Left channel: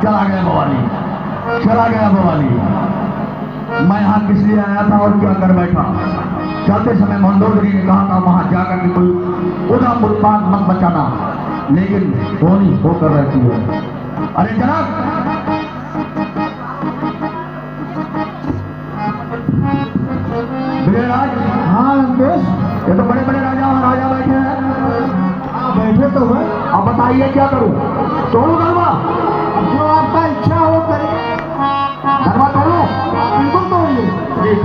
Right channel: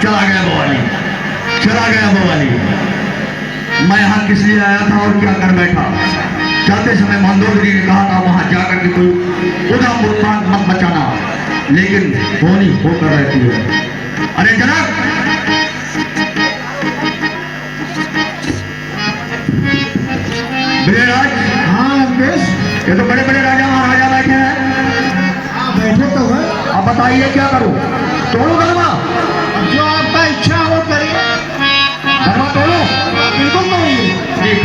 चला गया बवाली, चला गया बवाली। मैं यहाँ किस लिए आया था और क्या कर बैठा? जाते समय मंदोदरी ने कहा था वहां जाकर के कोई उधम उत्पाद मत बचाना, लेकिन होनी होकर रहती है। अरे जनाब, विजयराज। हाँ लंकेश, ये तो बड़े बड़े राजा महाराजा बैठे हैं। हाँ बैठे तो है। अब बताइए क्या करूं? तोड़ू गलवा? अब जो आपका इच्छा है वो करिए। गलवा तोड़ू? बिल्कुल तोड़िए। ठीक।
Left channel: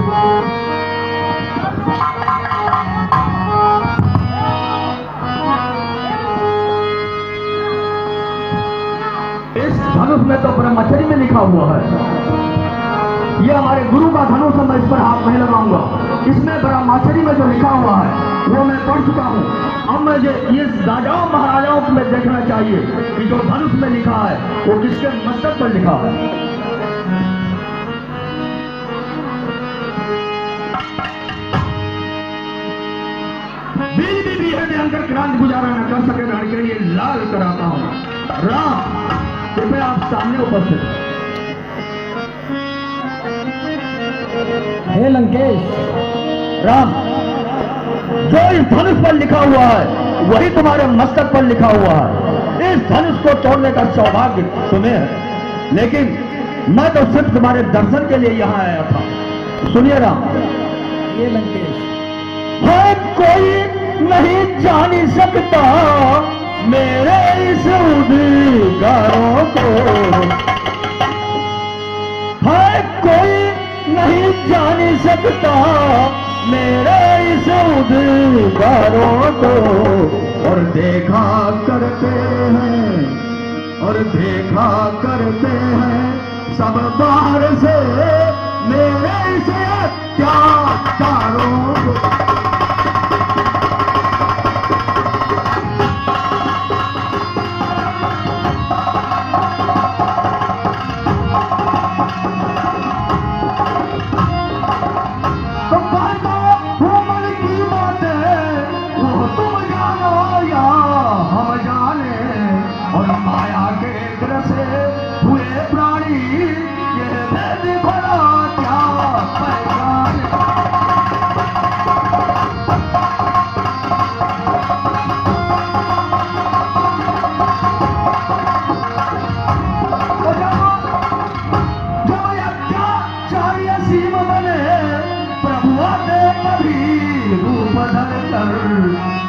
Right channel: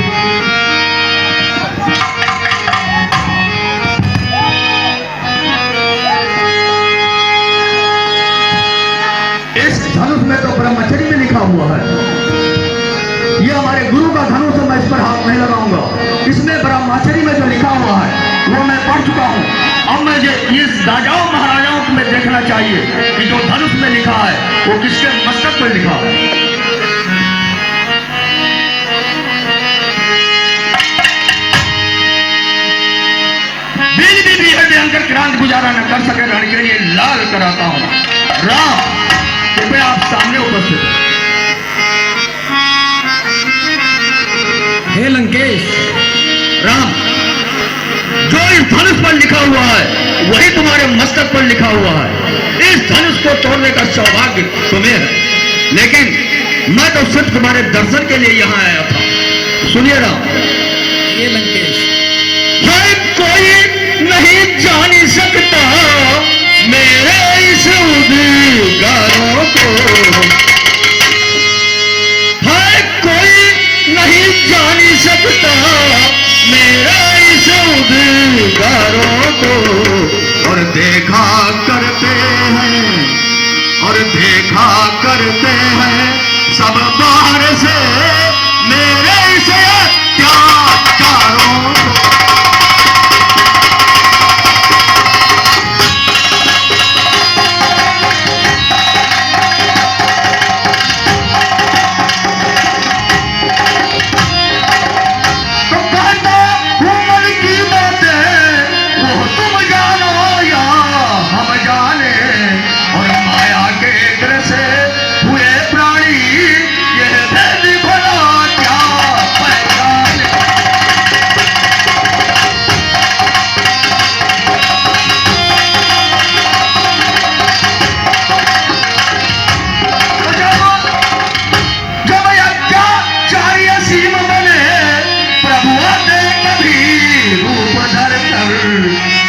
इस धनुष में तो ब्रह्मचर्य में लिखा हुआ है। ये हमारे गुरु का धनुष है, मैं इस पर हाथ नहीं लगाऊंगा। इसमें ब्रह्मचर्य में जो लिखा हुआ है वो मैं पढ़ चुका हूँ। अब मुझे इस राजाओं महाराजाओं को मैं देखना चाहिए कि जो धनुष में लिखा है वो किसके मस्तक पर लिखा है। बीज भी है भयंकर क्रांति गुजारा न कर सके रण के लिए लाल कराता हूँ। राम कृपया आप सामने उपस्थित। हे लंकेश, राम, जो इस धनुष पर लिखा हुआ है वही तुम्हारे मस्तक पर लिखा हुआ है। इस धनुष को तोड़ने का सौभाग्य तुम्हें है, लेकिन मैं तो सिर्फ तुम्हारे दर्शन के लिए यहाँ आया था। सुनिए राम। ये लंकेश, है कोई नहीं जान सकता मेरे इस उद्गारों को, है कोई नहीं जान सकता मेरे इस उद्गारों को। और देखा करते हैं, और देखा करते हैं सब बाहर से मेरे इस अत्याचारों को।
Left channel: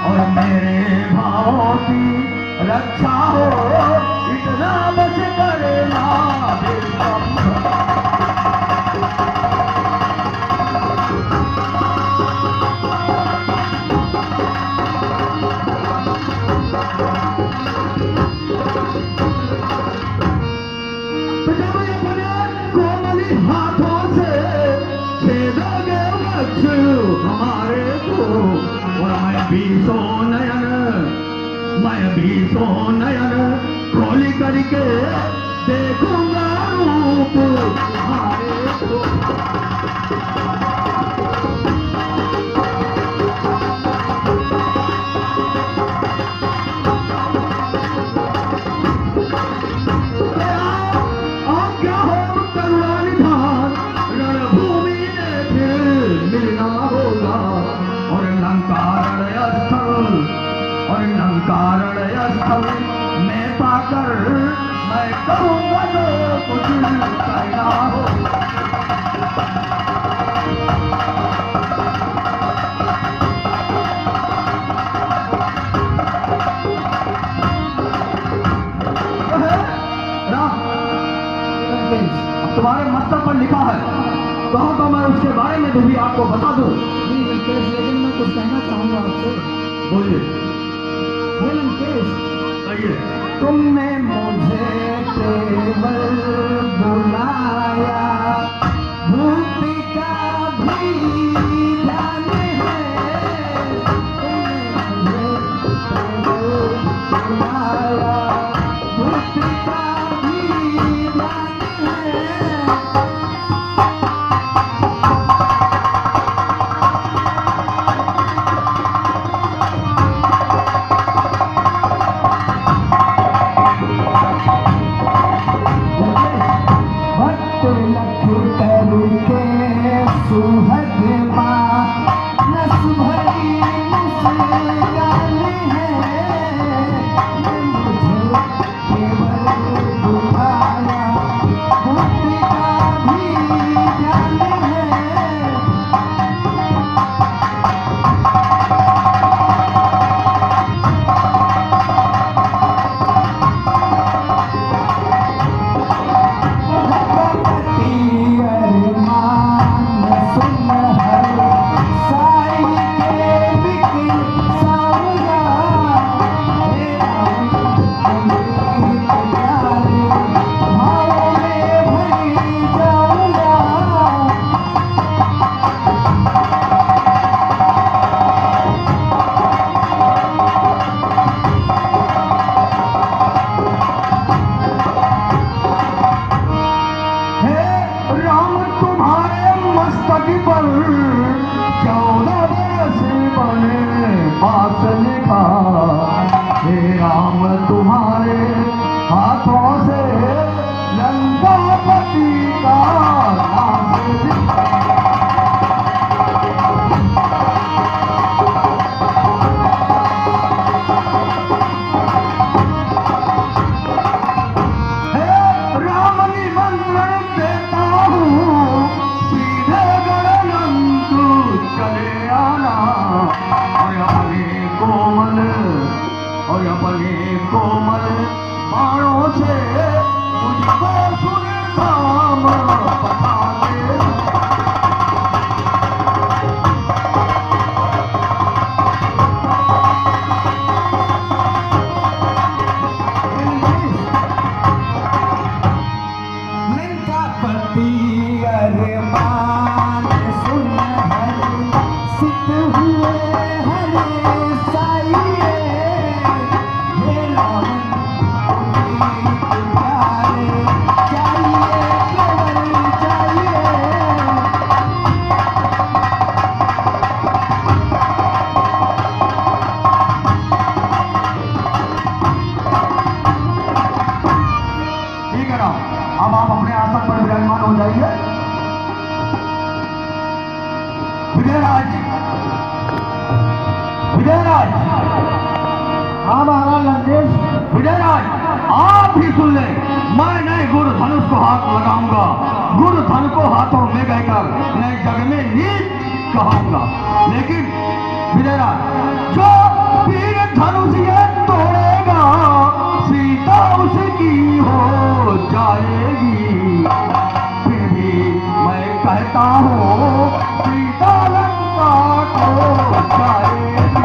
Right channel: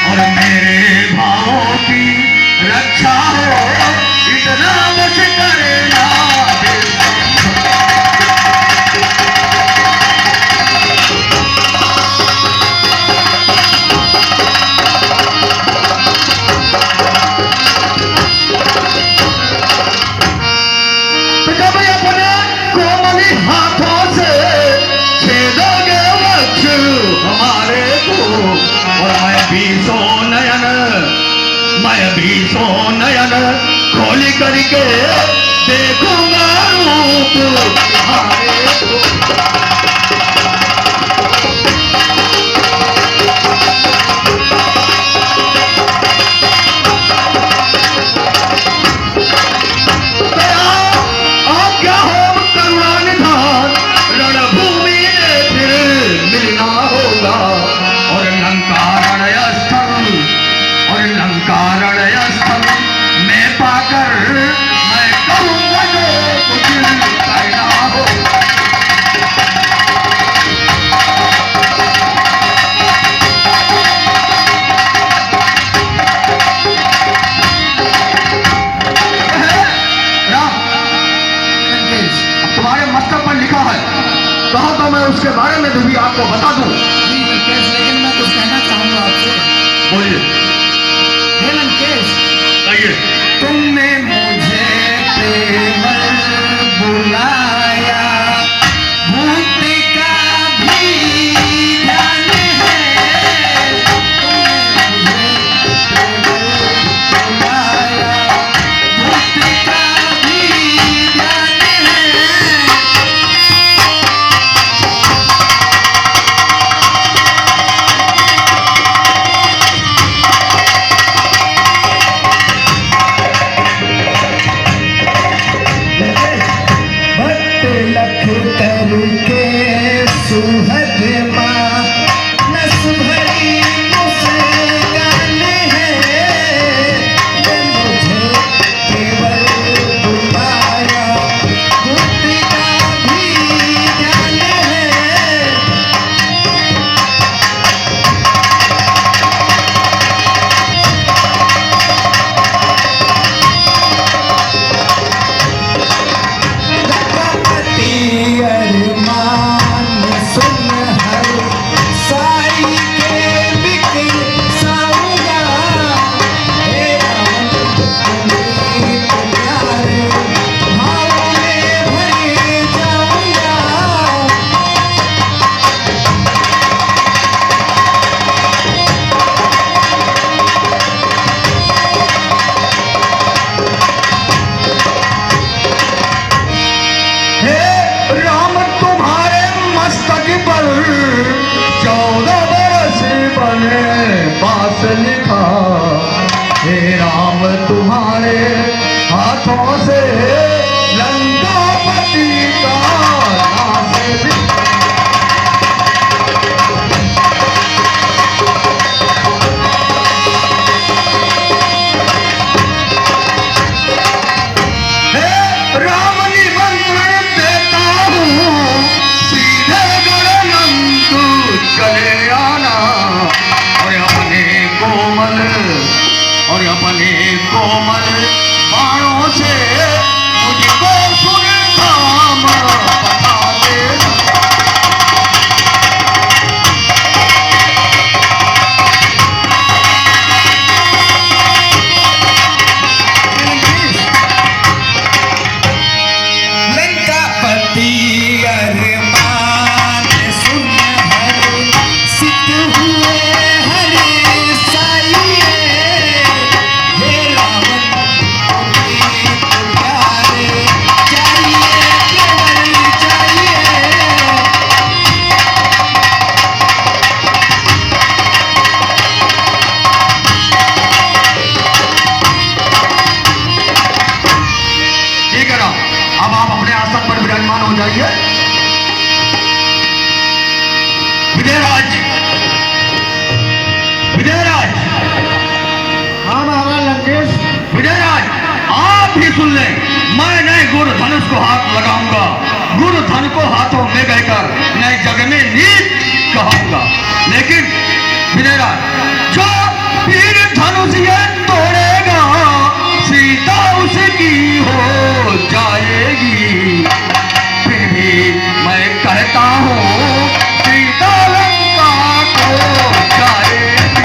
और मेरे भावों की रक्षा हो इतना बस करना। तो जब अपने कोमली हाथों से छेदोगे वक्ष हमारे को, और मैं भी सो नयन खोल करके देखूंगा रूप तुम्हारे को। आज्ञा हो करुणा निधान, रणभूमि में फिर मिलना होगा। और लंकारण स्थल में पाकर मैं कहूँगा जो कुछ कहना हो। राम, तुम्हारे मस्तक पर लिखा है, कहो तो मैं उसके बारे में भी आपको बता दूं। जी लंकेश, लेकिन मैं कुछ कहना चाहूंगा आपसे। बोलिए। हे लंकेश, आइए। तुमने मुझे केवल बुलाया, भूत का भी ध्यान है। तुमने मुझे केवल बुलाया, भूत का भी ध्यान है। पल 14 बरस बने पास लिखा, हे राम तुम्हारे हाथों से लंकापति का नाश लिखा। हे राम निमंत्रण देता हूँ, सीधे गणनंदू चले आना, और अपने कोमल बाणों से मुझको सुनधाम बता देना। लंकापति अरमान सुन हर सित हुए हरे साइए, हे रावण प्यारे चाहिए केवल चाहिए। ठीक है राम, अब आप अपने आसन पर विराजमान हो जाइए। विजयराज, विजयराज, हाँ महाराज लंकेश। विजयराज, आप भी सुन लें, मैं नए गुरु धनुष को हाथ लगाऊंगा, गुरु धन को हाथों में कहकर नए जग में नीत कहूंगा। लेकिन विजयराज, जो वीर धनुष ये तोड़ेगा, सीता उसकी हो जाएगी। फिर भी मैं कहता हूँ, सीता लंका को जाएगी।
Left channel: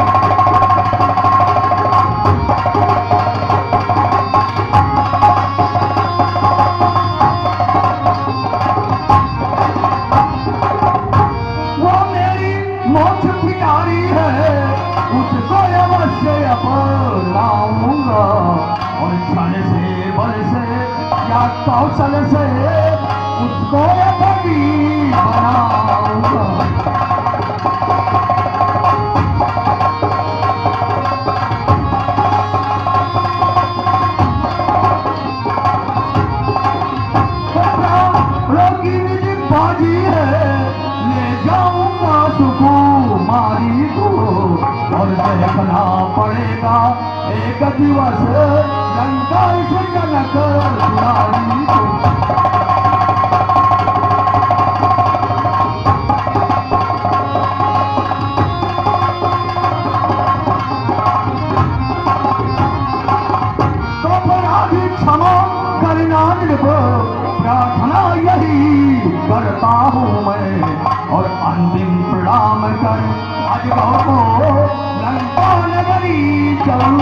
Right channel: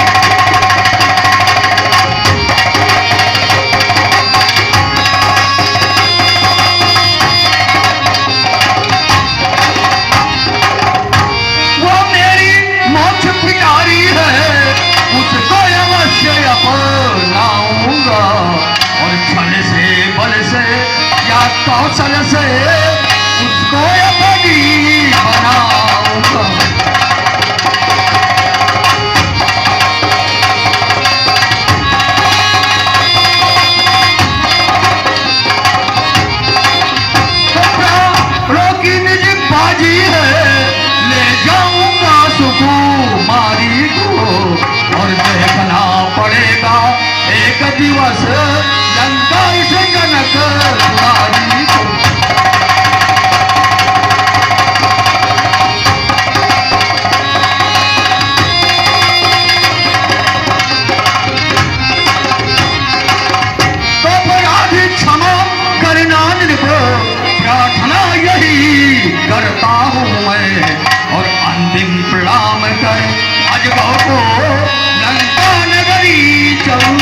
वो मेरी मोक्ष पिटारी है, उसको अवश्य अपनाऊंगा, और छल से बल से या कौशल से उसको अपनी बनाऊंगा। प्राणों की निज बाजी है, ले जाऊंगा सुकुमारी को, और देखना पड़ेगा एक दिवस लंका से जनक दुलारी को। तो अपराध क्षमा करना निको, प्रार्थना यही करता हूँ मैं, और अंतिम प्रणाम कर अजगौ को लंका नगरी चलूं।